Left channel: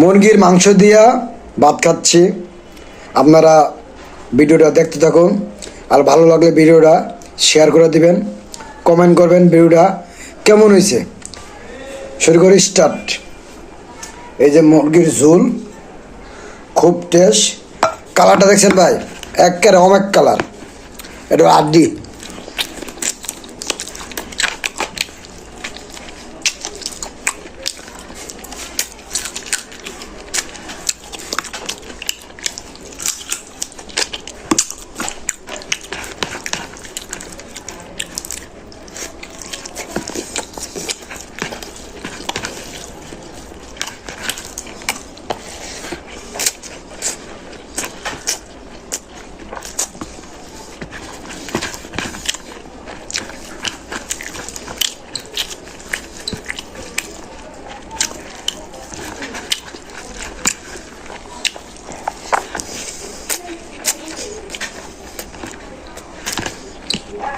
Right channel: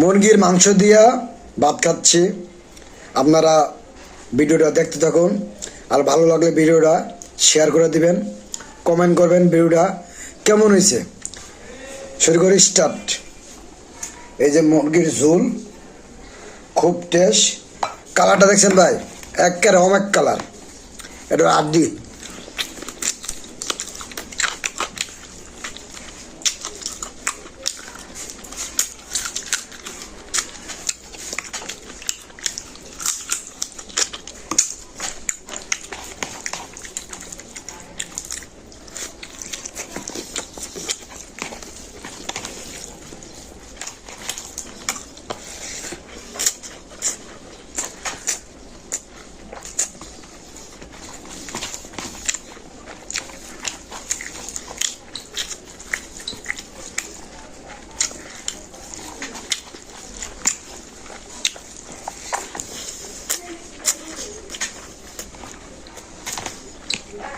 মুরগির মাংস দিয়া ভাত খাচ্ছি। আপনারা ভিডিওটা দেখতে থাকুন, আর ভালো লাগলে ভিডিওটা শেয়ার করে দিবেন, কমেন্ট করবেন ভিডিওটা কেমন হয়েছে। শুরু করি, স্টার্ট। এই যে মুরগির ঝোল, খুব টেস্ট। কালারটা দেখছেন ভাই, একেবারে অনেক কালার। এটা আড্ডি।